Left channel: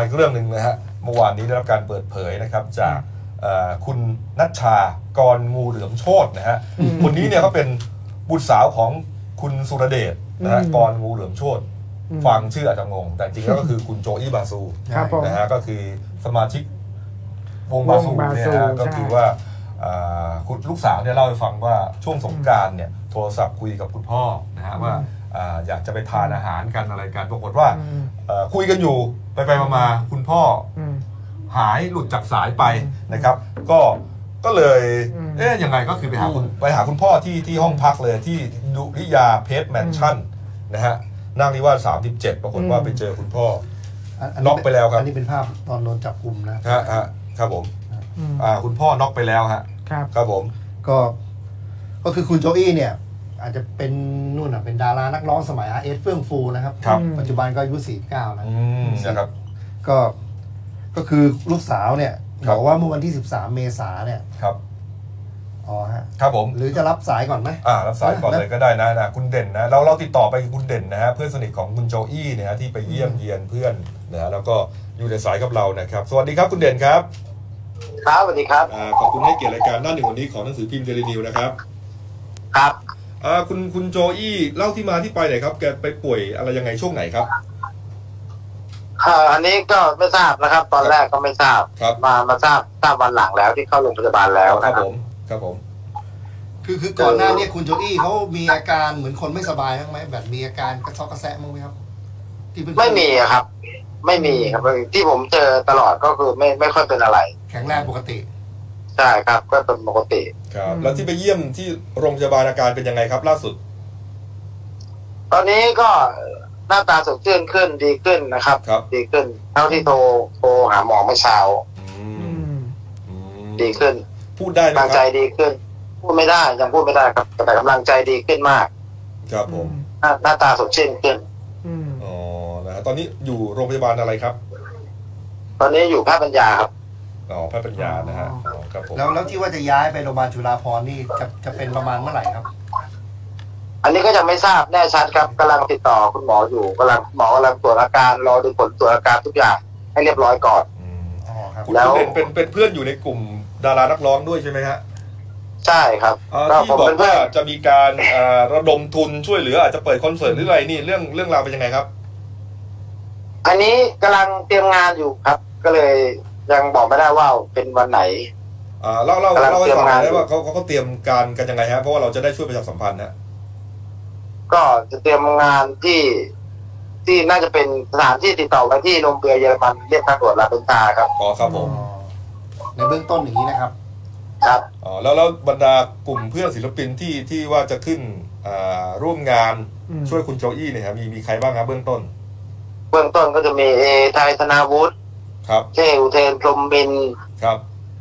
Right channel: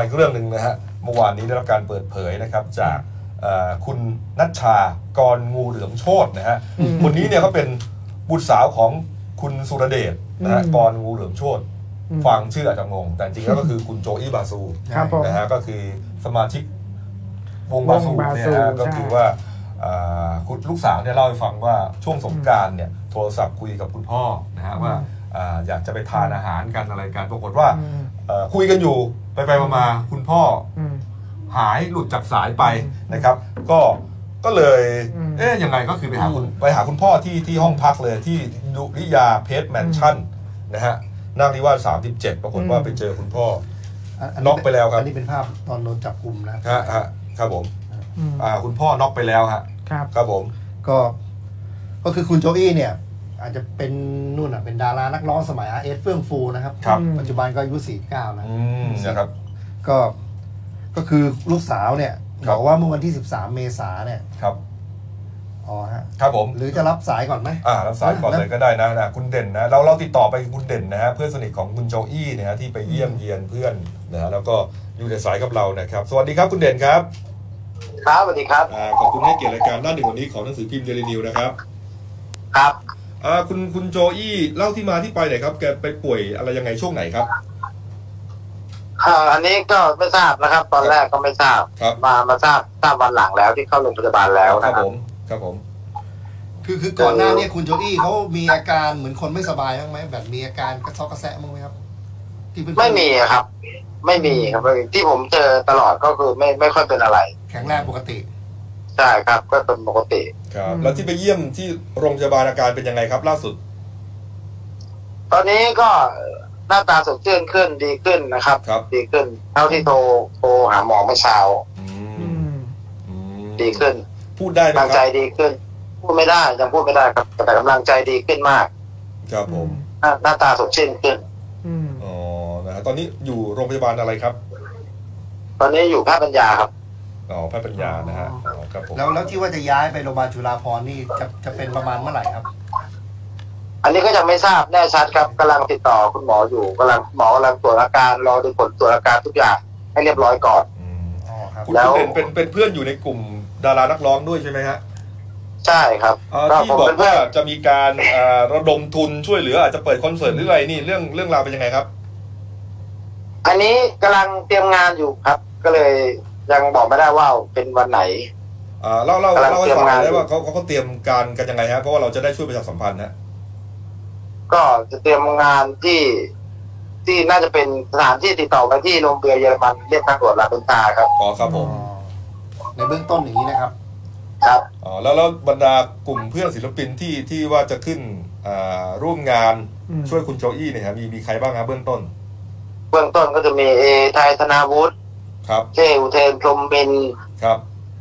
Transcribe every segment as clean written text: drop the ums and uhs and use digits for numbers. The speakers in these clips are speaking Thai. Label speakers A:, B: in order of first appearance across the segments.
A: มาอีกเรื่องหนึ่งนะฮะเมื่อวานนี้ได้รับการเปิดเผยนะครับจากคุณณัชชากรงูเหลือมโชตินะฮะคนนี้เนี่ยก็เป็นบุตรสาวของคุณสุรเดชนะฮะกรงูเหลือมโชติฟังชื่ออาจจะงงแต่จริงแล้วก็คือคุณโจอี้บาซูนะฮะก็คือสมาชิกวงบาซูเนี่ยฮะก็คือว่าคุณลูกสาวเนี่ยเล่าให้ฟังว่าช่วงสงกรานต์เนี่ยโทรศัพท์คุยกับคุณพ่อนะฮะว่าอยากจะไปทานอาหารกันอะไรกันปรากฏว่าคุยกันอยู่ไปมาคุณพ่อหายหลุดจากสายไปนะครับก็เลยยังไงก็คือไปหาคุณพ่อที่ห้องพักเลยที่ดุริยาเพชรแมนชั่นนะฮะนั่งนิวาส37ปรากฏว่าไปเจอคุณพ่อน็อกไปแล้วครับ
B: อันนี้เป็นภาพตอนโดนจับกุม
A: นะครับผมคุณพ่อน็อกไปแล้วฮะครับผม
B: ก็คือคุณโจอี้เนี่ยอาจจะเป็นนู่นเป็นดารานักร้องสมัยRSเฟื่องฟูนะครับปัจจุบันก็อายุ49
A: นะครับ
B: ก็คือลูกสาวเนี่ยบอกว่าเมื่อวันที่13เมษายนเนี่ย
A: ครับ
B: ครับผมหรือจะรับสายก่อนไหม
A: รับสายก่อนเลยก็ได้นะคุณเด่นนะเราติดต่อไปคุณเด่นนะฮะเพื่อนสนิทของคุณโจอี้นะฮะที่ไปเยี่ยมเยียนเพื่อนนะฮะแล้วก็อยู่ในสายกับเรานะครับสวัสดีครับคุณเด่นครับ
C: ครับสวัสดีครับ
A: ขอบคุณให้เกียรติรายการหน้าหนึ่งวันนี้ของหนังสือพิมพ์เดลินิวนะครับ
C: ครับ
A: คุณโจอี้เล่าที่มาที่ไปหน่อยครับแกไปป่วยอะไรยังไงช่วงไหนครับ
C: อันนี้ก็ไม่ทราบนะครับตอนแรกก็ไม่ทราบมาทราบวันหลังแล้วที่เข้าโรงพยาบาลแล้ว
A: ครับผม
B: คือก่อนหน้านี้คุณโจอี้เขามีอาการเหมือนคนไม่สบายบ้างไหมแบบมีอาการกระซอกกระแซะมั้งไหมครับ
C: ไม่มีครับไม่มีครับที่ผมเจอตลอดก็คือไม่ค่อยเป็นอะไร
B: แข็งแรงปกติ
C: ใช่ครับก็เป็นปกติ
A: ครับแล้วที่ไปเยี่ยมที่โรงพยาบาลอาการเป็นยังไงครับล่าสุด
C: ตอนนี้ก็หน้าตาสดชื่นขึ้นดีขึ้นนะครับดีขึ้นเท่าที่โทรหาหมอเมื่อเช้าดีขึ้น
A: พูดได้ไหมครับกำลัง
C: ใจดีขึ้นพูดไม่ได้ยังพูดไม่ได้ครับแต่กำลังใจดีขึ้นมาก
A: ครับผม
C: หน้าตาสดชื่นขึ้น
A: นะตอนนี้อยู่โรงพยาบาลอะไรครับ
C: ตอนนี้อยู่แพทย์ปัญญาครับ
A: แพทย์ปัญญานะฮะครับผม
B: แล้วที่ว่าจะย้ายไปโรงพยาบาลจุฬาภรณ์นี่จะเป็นประมาณเมื่อไหร่ครับ
C: อันนี้ก็ยังไม่ทราบแน่ชัดครับกำลังติดต่อคุณหมออยู่หมอกำลังตรวจอาการรอดูผลตรวจอาการทุกอย่างให้เรียบร้อยก่อน
A: แล้วเป็นเพื่อนอยู่ในกลุ่มดารานักร้องด้วยใช่ไหมฮะ
C: ใช่ครับ
A: ที่บอกว่าจะมีการระดมทุนช่วยเหลืออาจจะเปิดคอนเสิร์ตหรืออะไรนี่เรื่องราวเป็นยังไงครับ
C: อันนี้กำลังเตรียมงานอยู่ครับก็เลยยังบอกไม่ได้ว่าเป็นวันไหน
A: เล่าให้ฟังได้ว่าเขาเตรียมการกันยังไงฮะเพราะว่าเราจะได้ช่วยประชาสัมพันธ์นะ
C: ก็จะเตรียมงานที่น่าจะเป็นสถานที่ติดต่อไปที่โรงเรือเยอรมันเรียกทางด่วนลาเปนตาครับ
A: ครับผม
B: ในเบื้องต้นอย่างนี้นะครับ
C: ครับ
A: แล้วบรรดากลุ่มเพื่อนศิลปินที่ว่าจะขึ้นร่วมงานช่วยคุณโจอี้เนี่ยครับมีใครบ้างครับเบื้องต้น
C: ก็จะมีไทยธนาวุฒิ
A: ครับ
C: เทอุเทนพรหมบิน
A: ครับ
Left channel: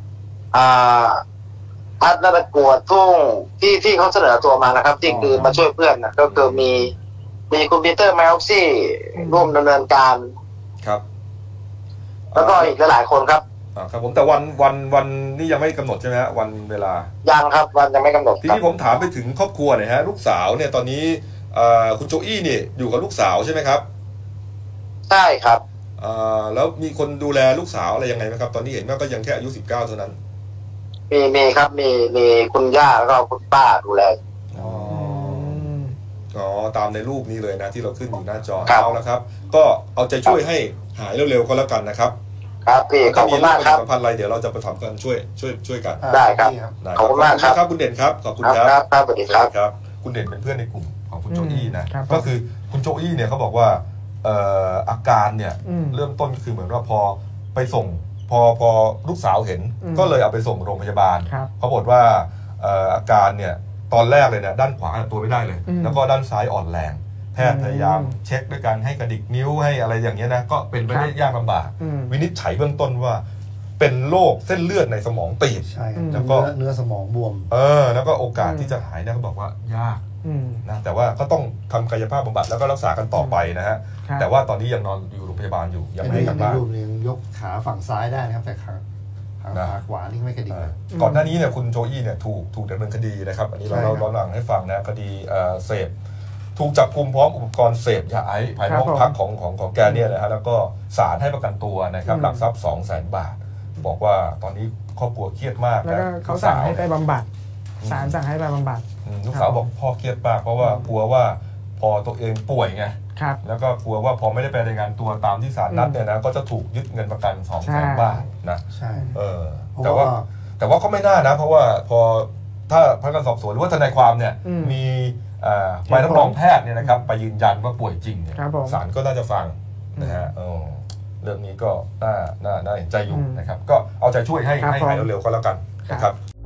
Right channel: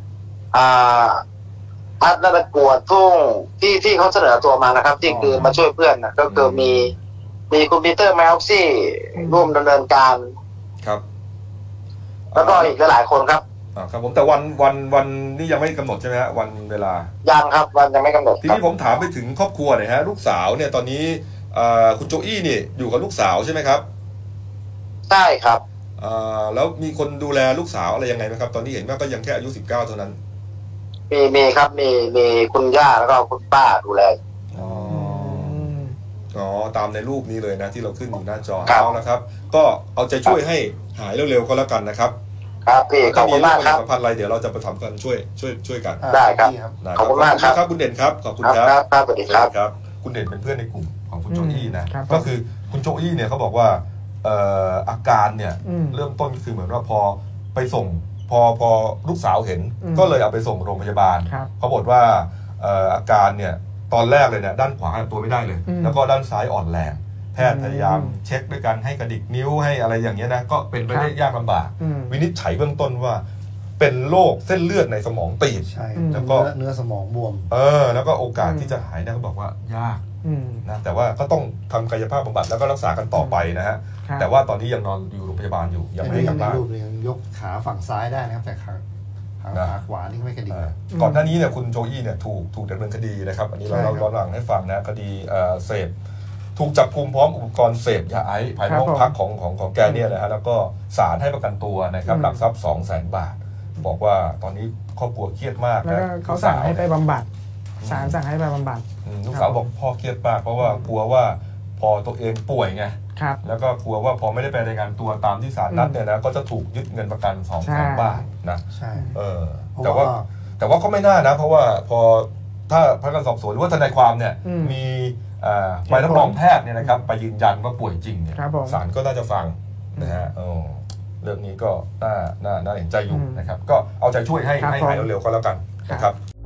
C: พัฒนาประกวดทุ่งที่เขาเสนอตัวมานะครับที่คือมาช่วยเพื่อนนะก็คือมีคุณปีเตอร์แมวซี่ร่วมดำเนินการ
A: ครับ
C: แล้วก็อีกหลายคนครับ
A: ครับผมแต่วันนี้ยังไม่กำหนดใช่ไหมฮะวันเวลา
C: ยังครับวันยังไม่กำหนด
A: ทีนี้ผมถามไปถึงครอบครัวหน่อยฮะลูกสาวเนี่ยตอนนี้คุณโจอี้นี่อยู่กับลูกสาวใช่ไหมครับ
C: ใช่ครับ
A: แล้วมีคนดูแลลูกสาวอะไรยังไงไหมครับตอนนี้เห็นว่าก็ยังแค่อายุ19เท่านั้น
C: มีครับมีคุณย่าแล้วก็คุณป้าดูแล
A: ตามในรูปนี้เลยนะที่เราขึ้นอยู่หน้าจอเอาละครับก็เอาใจช่วยให้หายเร็วๆก็แล้วกันนะครับ
C: ครับพี่ขอบคุณมากครับ
A: สัมพันธ์อะไรเดี๋ยวเราจะประสานกันช่วยกัน
C: ได้ครับขอบคุณมาก
A: ครับคุณเด่นครับขอบคุณครับ
C: ครับสวัสดีครับ
A: คุณเด่นเป็นเพื่อนในกลุ่มของคุณโจอี้นะก็คือคุณโจอี้เนี่ยเขาบอกว่าอาการเนี่ยเริ่มต้นคือเหมือนว่าพอไปส่งพอลูกสาวเห็นก็เลยเอาไปส่งโรงพยาบาลปรากฏว่าอาการเนี่ยตอนแรกเลยเนี่ยด้านขวาตัวไม่ได้เลยแล้วก็ด้านซ้ายอ่อนแรงแพทย์พยายามเช็คด้วยการให้กระดิกนิ้วให้อะไรอย่างเงี้ยนะก็เป็นไปได้ยากลำบากวินิจฉัยเบื้องต้นว่าเป็นโรคเส้นเลือดในสมองตีบ
B: แล้วก็เนื้อสมองบวม
A: แล้วก็โอกาสที่จะหายเนี่ยเขาบอกว่ายากนะแต่ว่าก็ต้องทำกายภาพบำบัดแล้วก็รักษากันต่อไปนะฮะแต่ว่าตอนนี้ยังนอนอยู่โรงพยาบาลอยู่ยังไม่กลับบ้าน
B: ยังยกขาฝั่งซ้ายได้นะครับแต่ขาขวานี่ไม่กระดิก
A: ก่อนหน้านี้เนี่ยคุณโจอี้เนี่ยถูกดำเนินคดีนะครับอันนี้เราย้อนหลังให้ฟังนะคดีเสพถูกจับกุมพร้อมอุปกรณ์เสพยาไอซ์ภายในห้องพักของแกเนี่ยนะฮะแล้วก็ศาลให้ประกันตัวนะครับหลักทรัพย์ 200,000 บาทบอกว่าตอนนี้ครอบครัวเครียดมาก
D: แล้วก็เขาสั่งให้ไปบำบัดศาลสั่งให้ไปบำบัด
A: ลูกสาวบอกพ่อเครียดมากเพราะว่ากลัวว่าพอตัวเองป่วยไงแล้วก็กลัวว่าพอไม่ได้ไปรายงานตัวตามที่ศาลนัดเนี่ยนะก็จะถูกยึดเงินประกัน 200,000 บาทนะแต่ว่าก็ไม่น่านะเพราะว่าพอถ้าพนักงานสอบสวนหรือว่าทนายความเนี่ยมีใบรับรองแพทย์เนี่ยนะครับไปยืนยันว่าป่วยจริงเนี่ยศาลก็น่าจะฟังนะฮะเรื่องนี้ก็น่าเห็นใจอยู่นะครับก็เอาใจช่วยให้หายเร็วๆก็แล้วกันนะครับ